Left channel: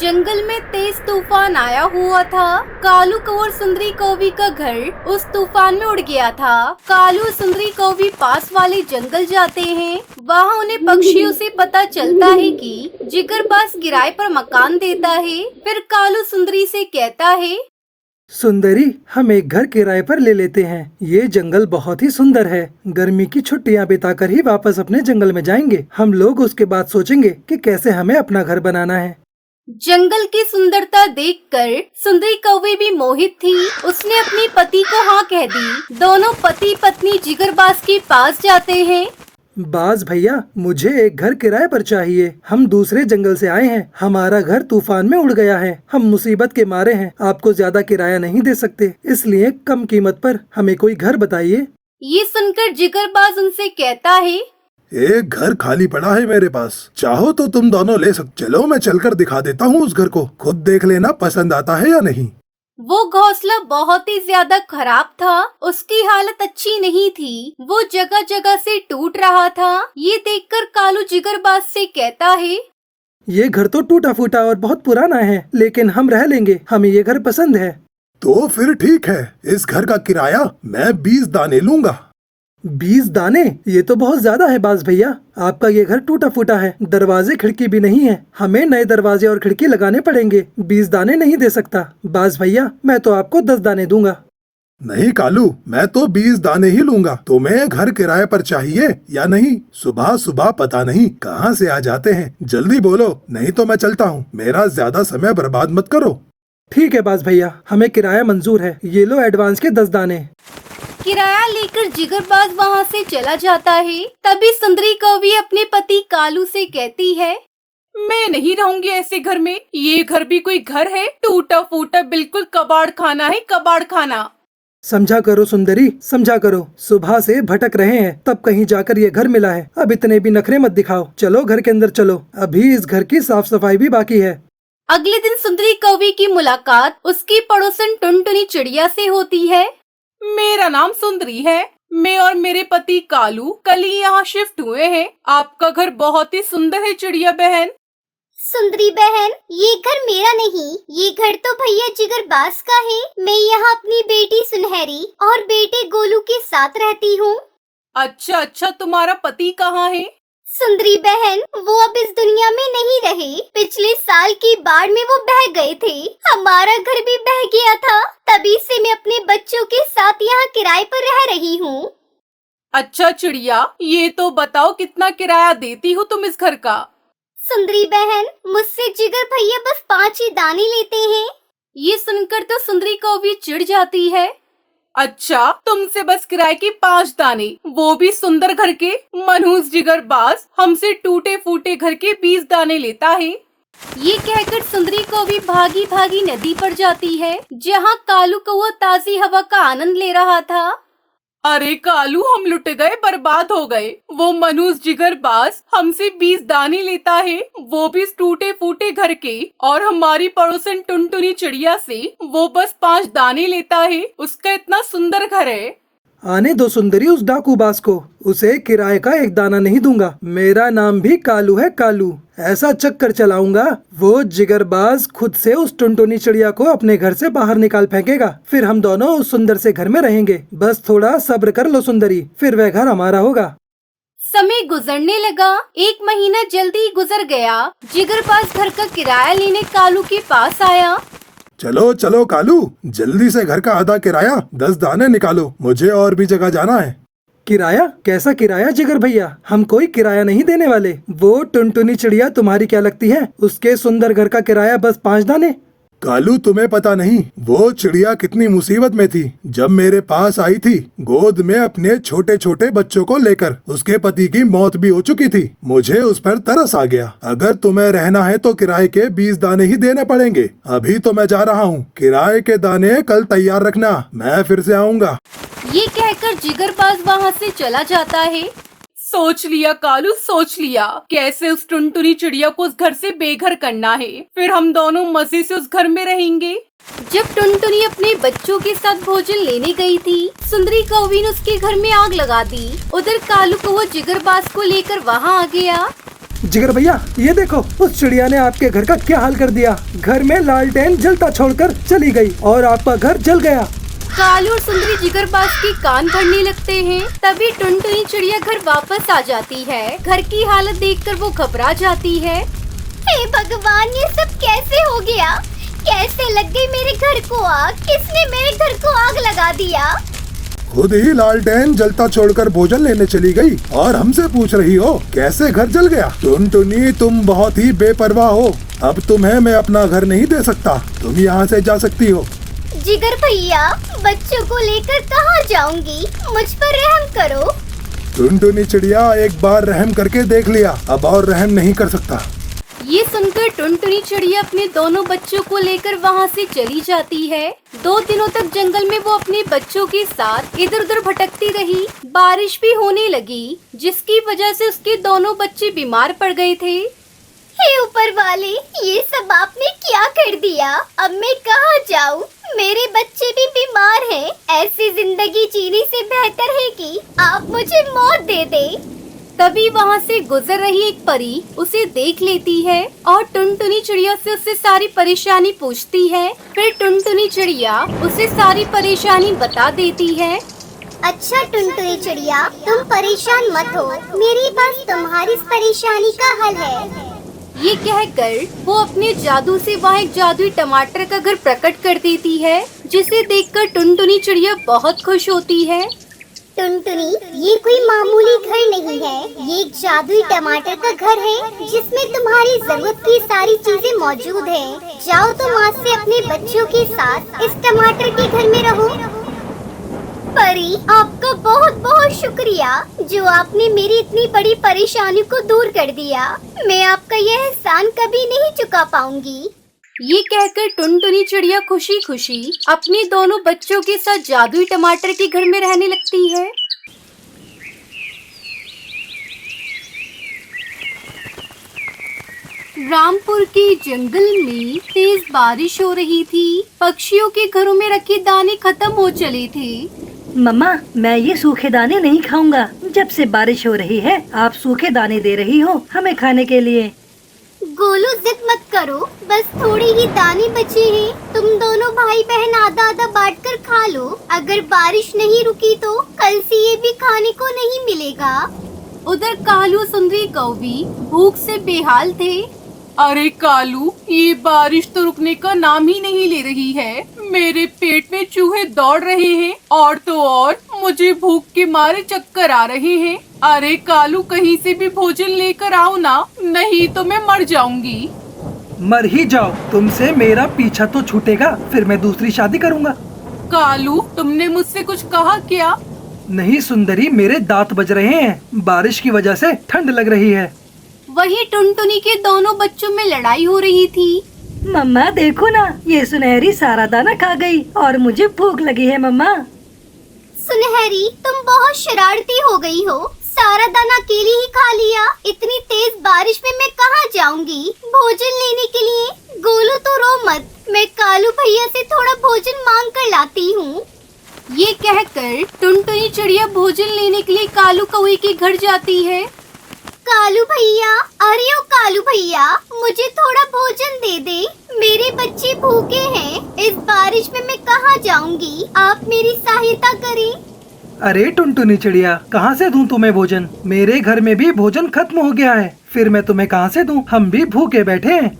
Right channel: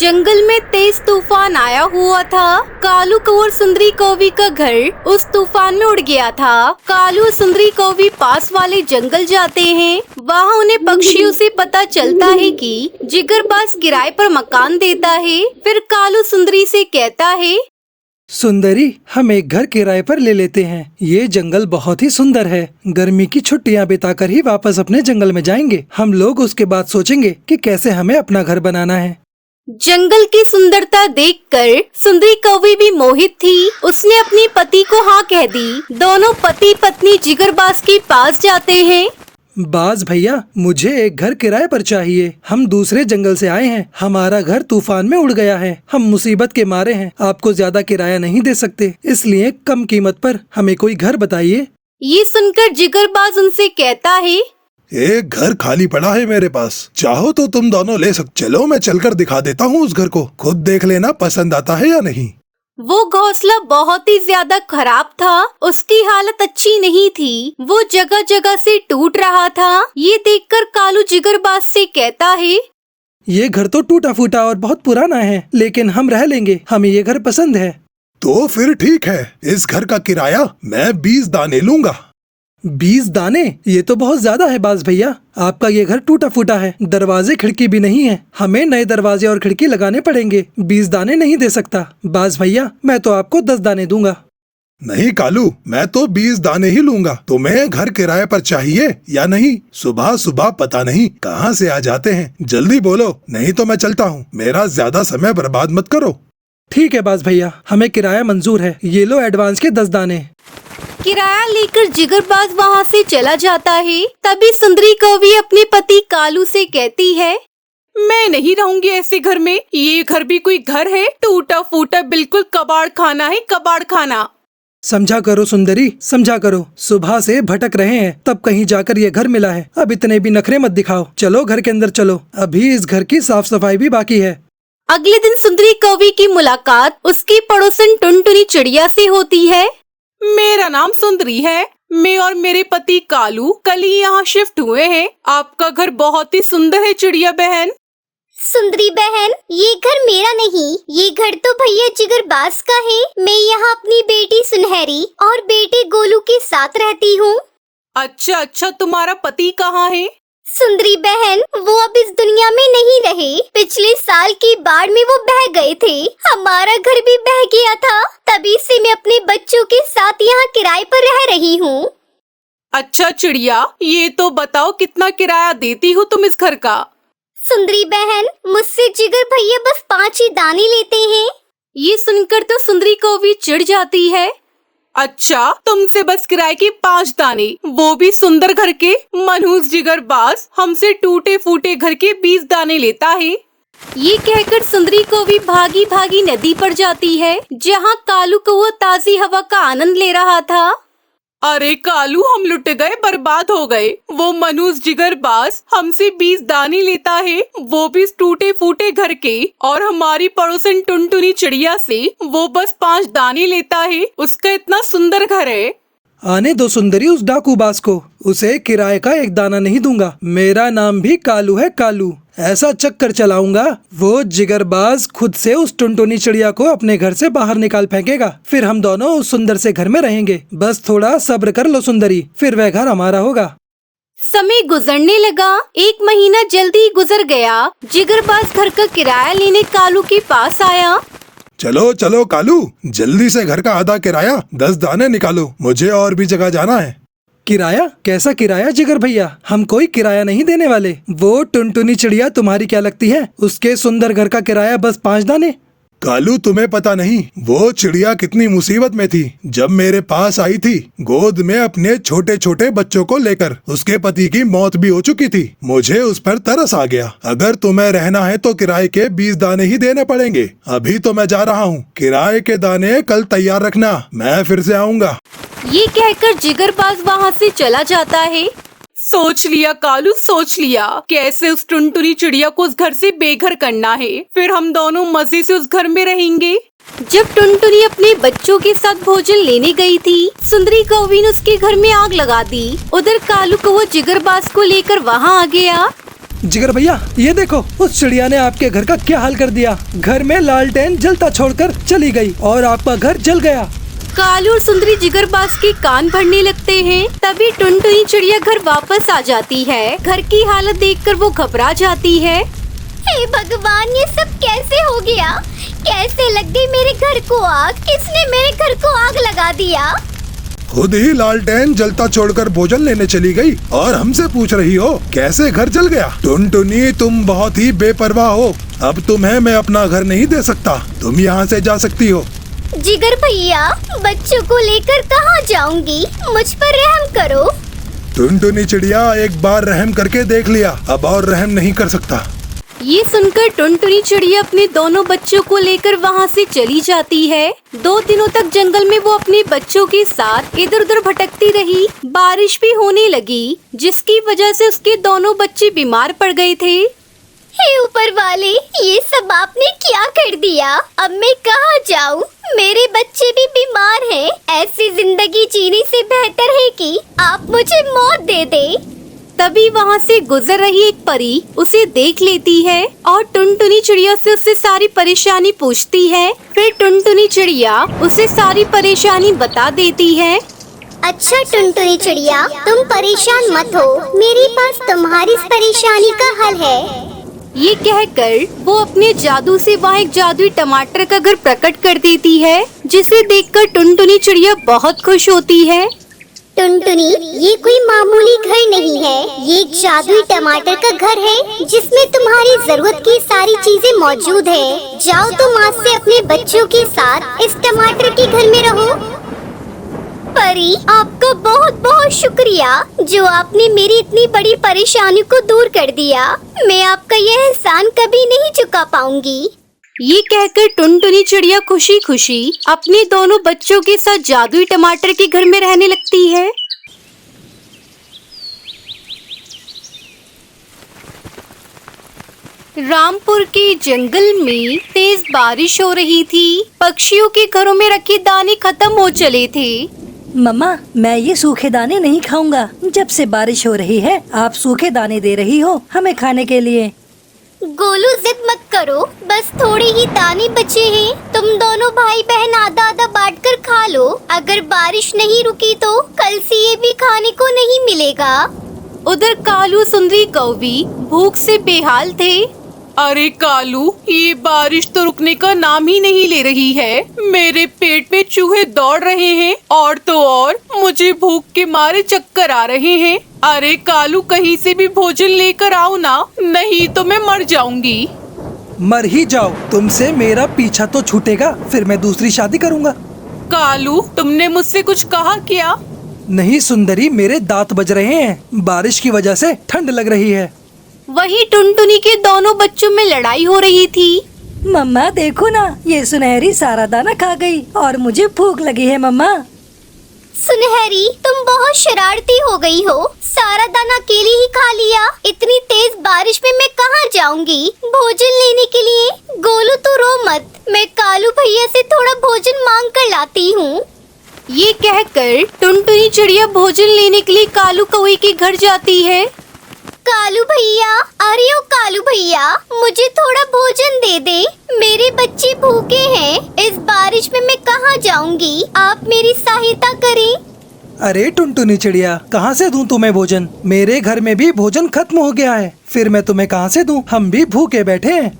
जंगल में तेज तूफान आया हुआ था। कालू और सुंदरी कौवी का घर उस तूफान में उड़ गया था। कालू और सुंदरी कौवी पास वाले जंगल जाते हैं। वहाँ उन्हें पक्षियों से पता चलता है कि जिगरबाज किराए पर मकान देता है। फिर कालू सुंदरी से कहता है, सुंदरी, हम एक घर किराए पर ले लेते हैं। ये जंगल बहुत ही सुंदर है। गर्मी की छुट्टियां बिताकर ही वापस अपने जंगल में जाएंगे। हम लोग उसके बाद सोचेंगे कि कैसे हमें अपना घर बनाना है। जंगल की सुंदरता देखकर सुंदरी कौवी भी मोहित थी। उसने अपने पति को हाँ कह दी। दोनों पति पत्नी जिगरबाज के पास जाते हैं। बाज भैया, मुझे एक घर किराए पर चाहिए। हम दूसरे जंगल से आए हैं। हमारा घर तूफान में उड़ गया है। हम मुसीबत के मारे हैं। आपको ज्यादा किराया नहीं दे सकते, इसलिए कम कीमत पर हमें कोई घर बताइए। ये सुनकर जिगरबाज उनसे कहता है, एक घर खाली पड़ा है मेरे पास, चाहो तो तुम दोनों ले सकते। चलो मैं चलकर दिखा देता हूँ उस घर को, खुद देख लेना पसंद आता है या नहीं। वो घोंसला बहुत ही ज्यादा खराब था। उसकी हालत अच्छी नहीं थी। वो जगह जगह से टूट रहा था। ये देखकर कालू जिगरबाज से कहता है, ये घर तो टूटा फूटा और बहुत पुराना है, लेकिन हम रह लेंगे। हमें ये घर पसंद है। तो फिर ठीक है, इस घर का किराया मैं 20 दाने लूंगा। 20 दाने? ये तो बहुत ज्यादा है बाज भैया। आपका ये घर टूटा फूटा है, दरवाजे खिड़की भी नहीं है। हमें नए दरवाजे और खिड़की लगाने पड़ेंगे। 20 दाने नहीं दे सकता बाज भैया। मैं तो आपको 10 दाने दूंगा। नहीं कालू, मैं तो 20 दाने ही लूंगा। तुम्हें घर किराए पर चाहिए या नहीं? सुबह सुबह पता नहीं कहाँ से आ जाते हैं। जल्दी बोलो, नहीं तो मैं चलता हूँ। मेरा ज्यादा समय बर्बाद मत करो। ठीक है बाज भैया, हमें किराया मंजूर है। ये लो एडवांस के 10 दाने। किराया लेकर जिगरबाज वहाँ से चला जाता है। तभी सुंदरी कौवी अपने पति कालू से कहती है, मैं नहीं रहूंगी ऐसे घर में। ये घर भी कोई घर है? टूटा फूटा, बिल्कुल कबाड़ खाना है, कबाड़ खाना। समझा करो सुंदरी, समझा करो। सुबह से भटक रहे हैं, तब कहीं जाकर ये घर मिला है। अब इतने भी नखरे मत दिखाओ। चलो घर के अंदर चलो, अभी इस घर की साफ सफाई भी बाकी है। अगले दिन सुंदरी कौवी की मुलाकात उसकी पड़ोसन टुनटुनी चिड़िया से होती है। मेरा नाम सुंदरी है। मैं और मेरे पति कालू कल ही यहाँ शिफ्ट हुए हैं। आपका घर बहुत ही सुंदर है चिड़िया बहन। सुंदरी बहन, ये घर मेरा नहीं, ये घर तो भैया जिगरबाज का है। मैं यहाँ अपनी बेटी सुनहरी और बेटे गोलू के साथ रहती हूँ। अच्छा, तुम्हारा पति कहाँ है? सुंदरी बहन, वो अब इस दुनिया में नहीं रहे। पिछले साल की बाढ़ में वो बह गए थे। हमारा घर भी बह गया था। तभी से मैं अपने बच्चों के साथ यहाँ किराए पर रह रही हूँ। अच्छा चिड़िया, ये तो बताओ कितना किराया देती हो तुम इस घर का? सुंदरी बहन, मुझसे जिगर भैया बस 5 ही दाने लेते हैं। ये सुनकर तो सुंदरी कौवी चिढ़ जाती है। अच्छा, तुमसे बस किराए के 5 दाने, वो भी सुंदर घर के? मनहूस जिगरबाज हमसे टूटे फूटे घर के 20 दाने लेता है। ये कहकर सुंदरी कौवी भागी भागी नदी पर जाती है, जहाँ कालू को वो ताजी हवा का आनंद ले रहा था। अरे कालू, हम लुट गए, बर्बाद हो गए। वो मनहूस जिगरबाज हमसे 20 दाने लेता है, वो भी टूटे फूटे घर के। और हमारी पड़ोसन टुनटुनी चिड़िया से वो बस 5 दाने लेता है। उसका इतना सुंदर घर है। आने दो सुंदरी उस डाकूबाज को। उसे किराए का 1 दाना नहीं दूंगा। मेरा नाम भी कालू है, कालू। ऐसा चक्कर चलाऊंगा, वो जिगरबाज खुद से उस टुनटुनी चिड़िया को अपने घर से बाहर निकाल फेंकेगा। फिर हम दोनों उस सुंदर से घर में रहेंगे। बस थोड़ा सब्र कर लो सुंदरी, फिर वह घर हमारा होगा। समय गुजरने लगा। 1 महीना जल्दी गुजर गया। जिगरबाज घर का किराया लेने कालू के पास आया। चलो चलो कालू, जल्दी से घर का आधा किराया 10 दाने निकालो। मुझे और भी जगह जाना है। किराया? कैसा किराया जिगर भैया? हम कोई किराया नहीं देने वाले। वो टुनटुनी चिड़िया तुम्हारी क्या लगती है? उसके सुंदर घर का किराया बस 5 दाने। कालू, तुम्हें पता नहीं वो चिड़िया कितनी मुसीबत में थी जब मेरे पास आई थी, गोद में अपने छोटे छोटे बच्चों को लेकर। उसके पति की मौत भी हो चुकी थी। मुझे उस पर तरस आ गया। अगर तुम्हें रहना है तो किराए के 20 दाने ही देने पड़ेंगे। अभी तो मैं जा रहा हूँ। किराए के दाने कल तैयार रखना, मैं फिर से आऊँगा। ये कहकर जिगरबाज वहाँ से चला जाता है। सोच लिया कालू, सोच लिया कैसे उस टुनटुनी चिड़िया को उस घर से बेघर करना है। फिर हम दोनों मजे से उस घर में रहेंगे। जब टुनटुनी अपने बच्चों के साथ भोजन लेने गई थी, सुंदरी कौवी ने उसके घर में आग लगा दी। उधर कालू को वो जिगरबाज को लेकर वहाँ आ गया। जिगर भैया ये देखो, उस चिड़िया ने आपके घर का क्या हाल कर दिया। घर में लालटेन जलता छोड़कर चली गई और आपका घर जल गया। कालू और सुंदरी जिगरबाज के कान भरने लगते हैं। तभी टुनटुनी चिड़िया घर वापस आ जाती है। घर की हालत देखकर वो घबरा जाती है। हे भगवान, ये सब कैसे हो गया? कैसे लग गई मेरे घर को आग? किसने मेरे घर को आग लगा दिया? खुद ही लालटेन जलता छोड़कर भोजन लेने चली गई और हमसे पूछ रही हो कैसे घर जल गया। टुनटुनी, तुम बहुत ही बेपरवाह हो। अब तुम्हें मैं अपना घर नहीं दे सकता, तुम यहाँ से जा सकती हो। जिगर भैया, बच्चों को लेकर कहाँ जाऊंगी? मुझ पर रहम करो। टुनटुनी चिड़िया, एक बार रहम करके देख लिया, अब और रहम नहीं कर सकता। ये सुनकर टुनटुनी चिड़िया अपने दोनों बच्चों को लेकर वहाँ से चली जाती है। 2 दिनों तक जंगल में वो अपने बच्चों के साथ इधर उधर भटकती रही। बारिश भी होने लगी, जिसकी वजह से उसके दोनों बच्चे बीमार पड़ गए थे। हे ऊपर वाले, ये सब आपने क्या कर दिया? अब मैं कहाँ जाऊँ? मेरे बच्चे भी बीमार हैं। ऐसी जिंदगी जीने से बेहतर है कि आप मुझे मौत दे दें। तभी वहाँ से गुजर रही एक परी उसे देख लेती है और टुनटुनी चिड़िया से उससे सारी परेशानी पूछती है। फिर टुनटुनी चिड़िया उसे सारी परेशानी बता देती है। अच्छा टुनटुनी चिड़िया, तुम परेशान मत हो, मेरे पास तुम्हारी इस परेशानी का हल है। ये कहकर वो अपने जादू से वहाँ एक जादुई टमाटर का घर प्रकट कर देती है, जिसे देखकर टुनटुनी चिड़िया बहुत खुश होती है। टुनटुनी, ये कोई मामूली घर नहीं है, ये एक जादुई टमाटर का घर है जिसमें तुम्हारी जरूरत की सारी चीजें मौजूद हैं। जाओ तुम आज से अपने बच्चों के साथ इस टमाटर के घर में रहो। परी, आपका बहुत बहुत शुक्रिया जो आपने मेरी इतनी बड़ी परेशानी को दूर कर दिया। मैं आपका यह एहसान कभी नहीं चुका पाऊंगी। ये कहकर टुनटुनी चिड़िया खुशी खुशी अपने दोनों बच्चों के साथ जादुई टमाटर के घर में रहने लगती है। रामपुर के जंगल में तेज बारिश हो रही थी। पक्षियों के घरों में रखे दाने खत्म हो चले थे। मम्मा, मैं ये सूखे दाने नहीं खाऊंगा। जब से बारिश हो रही है आप सूखे दाने दे रही हो हमें खाने के लिए। गोलू, जिद मत करो, बस थोड़ी ही दाने बचे हैं। तुम दोनों भाई बहन आधा आधा बांट कर खा लो। अगर बारिश नहीं रुकी तो कल से ये भी खाने को नहीं मिलेगा। उधर कालू सुंदरी कौवी भूख से बेहाल थे। अरे कालू, ये बारिश तो रुकने का नाम ही नहीं ले रही है। मेरे पेट में चूहे दौड़ रहे हैं और तो और मुझे भूख के मारे चक्कर आ रहे हैं। अरे कालू, कहीं से भी भोजन लेकर आओ ना, नहीं तो मैं मर जाऊंगी। मर ही जाओ, तुमसे मेरा पीछा तो छूटेगा, फिर मैं दूसरी शादी करूंगा। कालू, तुमने मुझसे कुछ कहा क्या? नहीं सुंदरी, मेरे दांत बज रहे हैं, बारिश की वजह से ठंड लग रही है। वहीं टुनटुनी के दोनों बच्चों में लड़ाई हो रही थी। मम्मा देखो ना, ये सुनहरी सारा दाना खा गई और मुझे भूख लगी है। मम्मा सुनहरी, तुम बहुत शरारती हो गई हो। सारा दाना अकेले ही खा लिया। इतनी तेज बारिश में मैं कहाँ जाऊंगी भोजन लेने के लिए? गोलू, तू रो मत, मैं कालू भैया से थोड़ा भोजन मांग कर लाती हूँ। ये कहकर टुनटुनी चिड़िया भोजन लेने के लिए कालू कौवे के घर जाती है। कालू भैया, अरे ओ कालू भैया, मुझे थोड़ा भोजन दे दे, मेरे बच्चे भूखे हैं। इस बारिश में मैं कहाँ जाऊंगी? आप मेरी सहायता करें। अरे टुनटुनी चिड़िया, कहाँ से दूं तुम्हें भोजन? मेरे घर में भी भोजन खत्म हो गया है, फिर मैं तुम्हें कहाँ से दूं? हम भी भूखे बैठे हैं।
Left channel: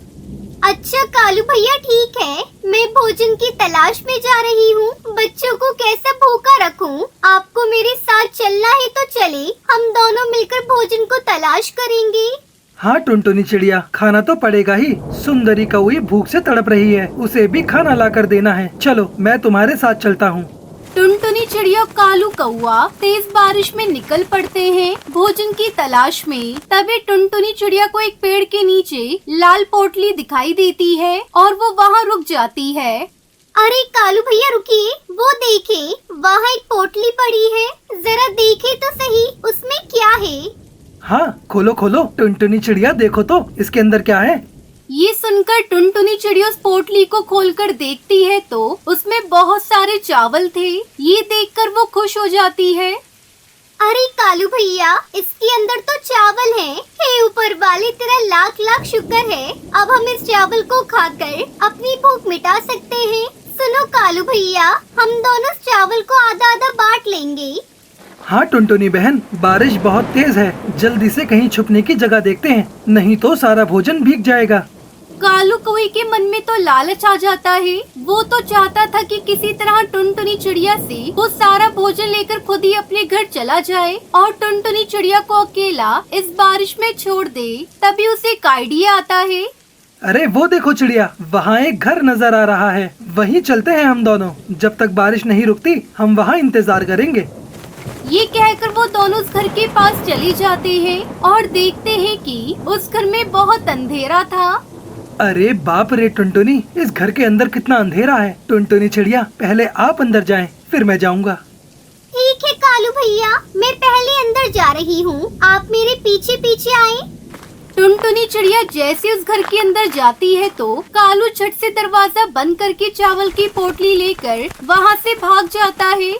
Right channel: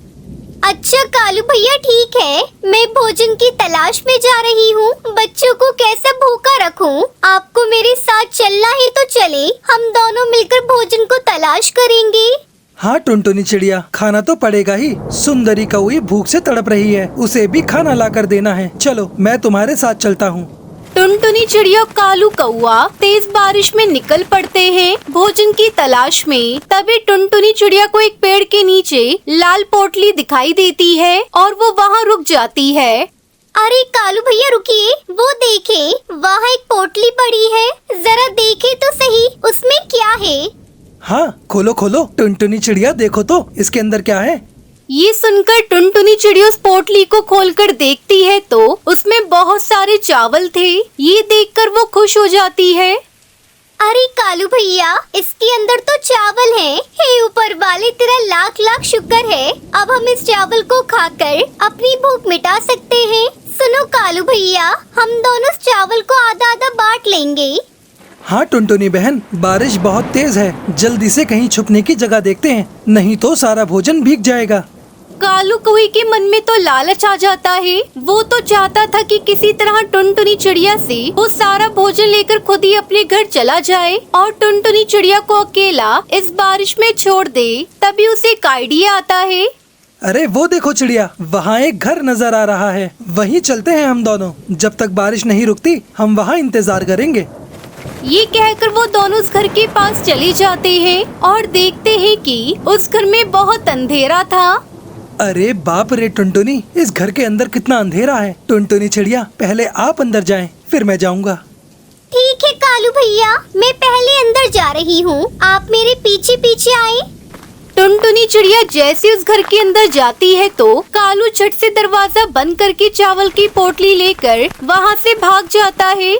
अच्छा कालू भैया, ठीक है, मैं भोजन की तलाश में जा रही हूँ। बच्चों को कैसे भूखा रखूँ? आपको मेरे साथ चलना ही तो चले, हम दोनों मिलकर भोजन को तलाश करेंगे। हाँ टुनटुनी चिड़िया, खाना तो पड़ेगा ही। सुंदरी कौवी भूख से तड़प रही है, उसे भी खाना लाकर देना है। चलो, मैं तुम्हारे साथ चलता हूँ। टुनटुनी चिड़िया कालू कौवा तेज बारिश में निकल पड़ते हैं भोजन की तलाश में। तभी टुनटुनी चिड़िया को एक पेड़ के नीचे लाल पोटली दिखाई देती है और वो वहाँ रुक जाती है। अरे कालू भैया रुकिए, वो देखें, वहाँ एक पोटली पड़ी है, जरा देखें तो सही उसमें क्या है। हाँ खोलो खोलो, टुनटुनी चिड़िया देखो तो इसके अंदर क्या है। ये सुनकर टुनटुनी चिड़िया उस पोटली को खोलकर देखती है तो उसमें बहुत सारे चावल थे। ये देखकर वो खुश हो जाती है। अरे कालू भैया, इसके अंदर तो चावल है। हे ऊपर वाले, तेरा लाख लाख शुक्र है। अब हम इस चावल को खाकर अपनी भूख मिटा सकते हैं। सुनो कालू भैया, हम दोनों इस चावल को आधा आधा बांट लेंगे। हाँ टुनटुनी बहन, बारिश बहुत तेज है, जल्दी से कहीं छुपने की जगह देखते हैं, नहीं तो सारा भोजन भीग जाएगा। कालू कौवे के मन में तो लालच आ जाता है। वो तो चाहता था कि किसी तरह टुनटुनी चिड़िया से वो सारा भोजन लेकर खुद ही अपने घर चला जाए और टुनटुनी चिड़िया को अकेला इस बारिश में छोड़ दे। तभी उसे एक आइडिया आता है। अरे वो देखो चिड़िया, वहाँ एक घर नजर आ रहा है, वहीं चलते हैं हम दोनों। जब तक बारिश नहीं रुकती हम वहाँ इंतजार करेंगे। ये कहकर वो दोनों उस घर के पास चले जाते हैं और देखते हैं कि उस घर में बहुत अंधेरा था। अरे बाप रे टुनटुनी, इस घर के अंदर कितना अंधेरा है। टुनटुनी चिड़िया, पहले आप अंदर जाएं, फिर मैं जाऊंगा। ठीक है कालू भैया, मैं पहले अंदर जा रही हूँ, आप मेरे पीछे पीछे आए। टुनटुनी चिड़िया जैसे उस घर के अंदर जाती है तो कालू झट से दरवाजा बंद करके चावल की पोटली लेकर वहाँ से भाग जाता है।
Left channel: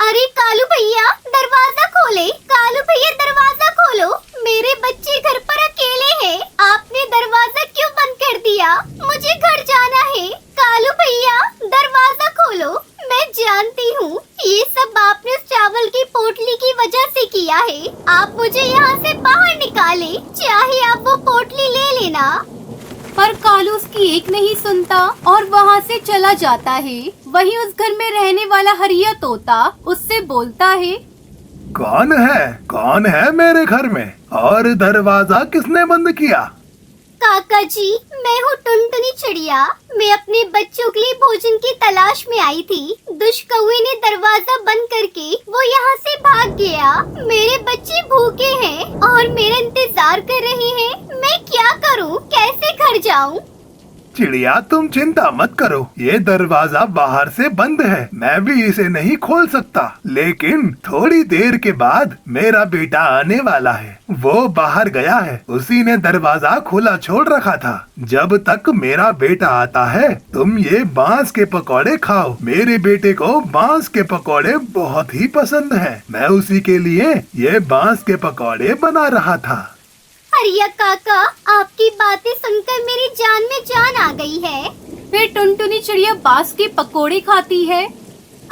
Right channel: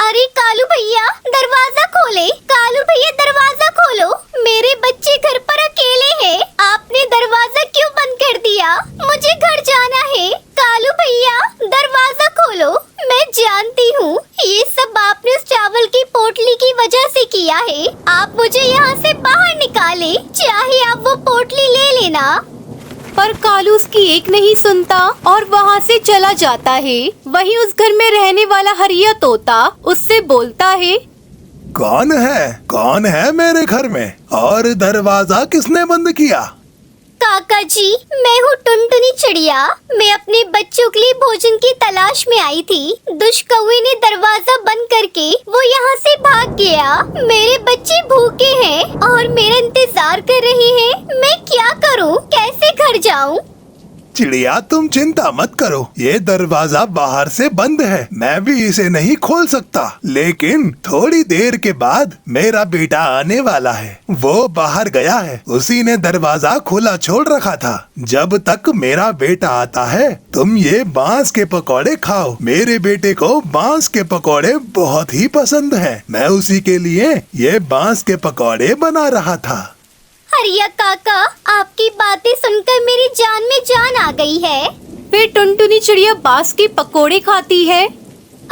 अरे कालू भैया, दरवाजा खोले। कालू भैया, दरवाजा खोलो, मेरे बच्चे घर पर अकेले हैं। आपने दरवाजा क्यों बंद कर दिया? मुझे घर जाना है। कालू भैया, दरवाजा खोलो। मैं जानती हूँ ये सब आपने उस चावल की पोटली की वजह से किया है। आप मुझे यहाँ से बाहर निकाले, चाहे आप वो पोटली ले लेना। पर कालू उसकी एक नहीं सुनता और वहाँ से चला जाता है। वहीं उस घर में रहने वाला हरिया तोता उससे बोलता है। कौन है मेरे घर में, और दरवाजा किसने बंद किया? काका जी, मैं हूँ टुनटुनी चिड़िया। मैं अपने बच्चों के लिए भोजन की तलाश में आई थी। दुष्ट कौवे ने दरवाजा बंद करके वो यहाँ से भाग गया। मेरे बच्चे भूखे हैं और मेरा इंतजार कर रहे हैं। मैं क्या करूँ, कैसे घर जाऊँ? चिड़िया, तुम चिंता मत करो, ये दरवाजा बाहर से बंद है, मैं भी इसे नहीं खोल सकता। लेकिन थोड़ी देर के बाद मेरा बेटा आने वाला है, वो बाहर गया है, उसी ने दरवाजा खुला छोड़ रखा था। जब तक मेरा बेटा आता है तुम ये बांस के पकौड़े खाओ। मेरे बेटे को बांस के पकौड़े बहुत ही पसंद है, मैं उसी के लिए ये बांस के पकौड़े बना रहा था। हरिया काका, आपकी बातें सुनकर मेरी जान में जान आ गई है। फिर टुनटुनी चिड़िया बांस के पकोड़े खाती है।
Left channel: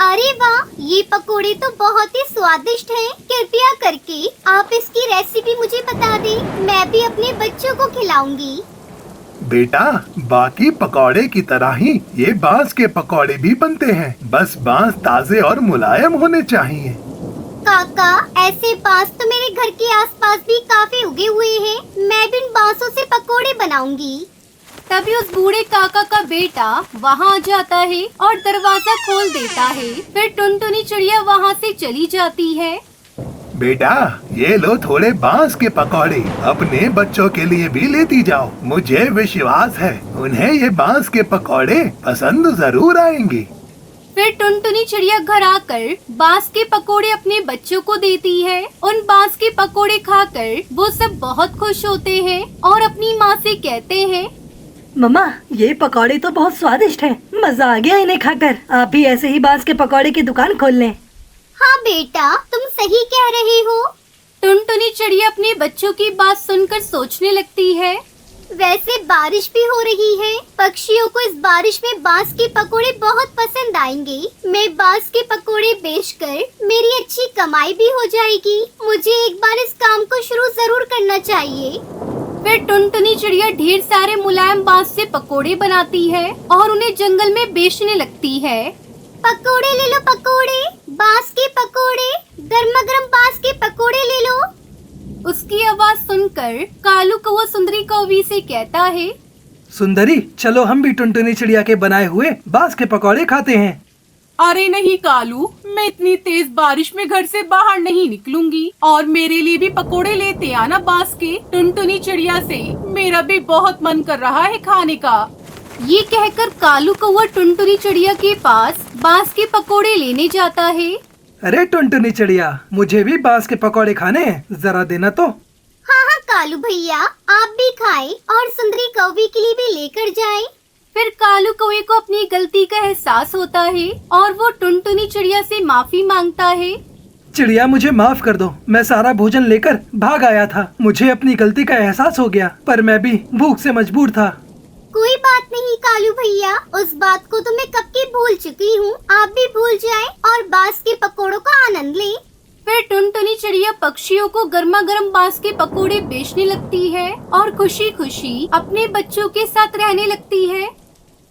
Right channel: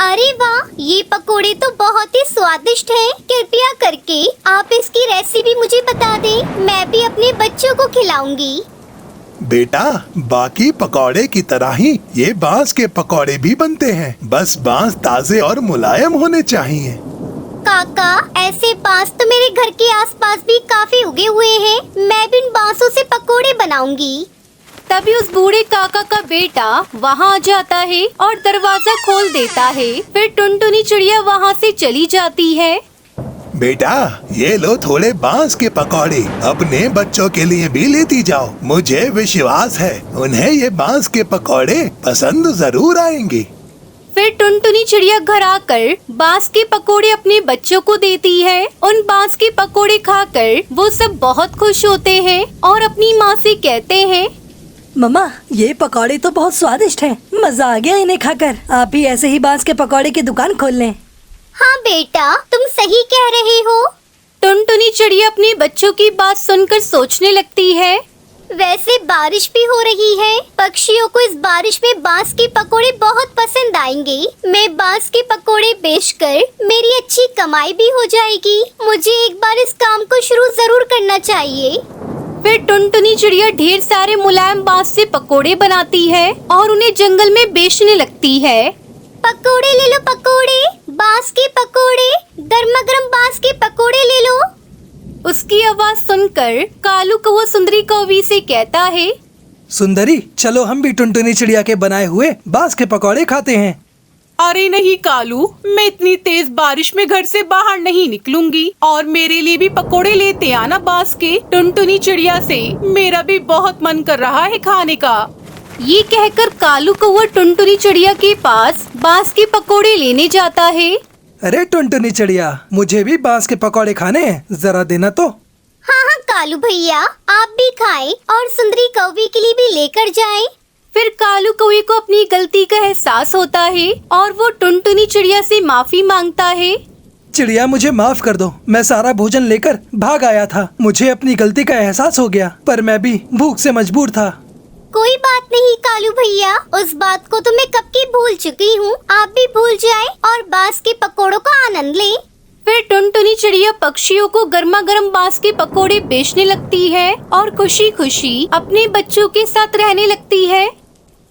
अरे वाह, ये पकोड़े तो बहुत ही स्वादिष्ट हैं। कृपया करके आप इसकी रेसिपी मुझे बता दें, मैं भी अपने बच्चों को खिलाऊंगी। बेटा, बाकी पकौड़े की तरह ही ये बांस के पकौड़े भी बनते हैं, बस बांस ताजे और मुलायम होने चाहिए। काका, ऐसे बांस तो मेरे घर के आसपास भी काफी उगे हुए हैं। मैं भी इन बांसों से पकोड़े बनाऊंगी। तभी उस बूढ़े काका का बेटा वहाँ आ जाता है और दरवाजा खोल देता है। फिर टुनटुनी चिड़िया वहाँ से चली जाती है। बेटा, ये लो थोड़े बांस के पकौड़े, अपने बच्चों के लिए भी लेती जाओ। मुझे विश्वास है उन्हें ये बांस के पकौड़े पसंद जरूर आएंगे। फिर टुनटुनी चिड़िया घर आकर बांस के पकोड़े अपने बच्चों को देती है। उन बांस के पकोड़े खाकर वो सब बहुत खुश होते हैं और अपनी माँ से कहते हैं। मम्मा, ये पकौड़े तो बहुत स्वादिष्ट हैं। मजा आ गया इन्हें खाकर। आप भी ऐसे ही बांस के पकौड़े की दुकान खोल लें। हाँ बेटा, तुम सही कह रही हो। टुनटुनी चिड़िया अपने बच्चों की बात सुनकर सोचने लगती है। वैसे बारिश भी हो रही है, पक्षियों को इस बारिश में बांस के पकोड़े बहुत पसंद आएंगे। मैं बांस के पकोड़े बेचकर मेरी अच्छी कमाई भी हो जाएगी। मुझे एक बार इस काम को शुरू जरूर करना चाहिए। फिर टुनटुनी चिड़िया ढेर सारे मुलायम बांस से पकोड़े बनाती है और उन्हें जंगल में बेचने लगती है। पकोड़े ले लो, पकोड़े, बांस के पकोड़े, गर्मा गर्म बांस के पकोड़े ले लो। उसकी आवाज सुनकर कालू कौवा सुंदरी कौवी से कहता है। सुंदरी, चलो हम भी टुनटुनी चिड़िया के बनाए हुए बांस के पकौड़े खाते हैं। अरे नहीं कालू, मैं इतनी तेज बारिश में घर से बाहर नहीं निकलूंगी, और मेरे लिए भी पकोड़े लेते आना बांस के। टुनटुनी चिड़िया से मेरा भी बहुत मन कर रहा है खाने का। ये कहकर कालू कौवा टुनटुनी चिड़िया के पास बांस के पकोड़े लेने जाता है। अरे टुनटुनी चिड़िया, मुझे भी बांस के पकौड़े खाने हैं, जरा देना तो। हाँ हाँ कालू भैया, आप भी खाएं और सुंदरी कौवी के लिए भी लेकर जाएं। फिर कालू कौवे को अपनी गलती का एहसास होता है और वो टुनटुनी चिड़िया से माफी मांगता है। चिड़िया मुझे माफ कर दो, मैं सारा भोजन लेकर भाग आया था। मुझे अपनी गलती का एहसास हो गया, पर मैं भी भूख से मजबूर था। कोई बात नहीं कालू भैया, उस बात को तो मैं कब की भूल चुकी हूँ। आप भी भूल जाएं और बांस के पकोड़ों का आनंद लें। फिर टुनटुनी चिड़िया पक्षियों को गर्मा गर्म बांस के पकोड़े बेचने लगती है और खुशी खुशी अपने बच्चों के साथ रहने लगती है।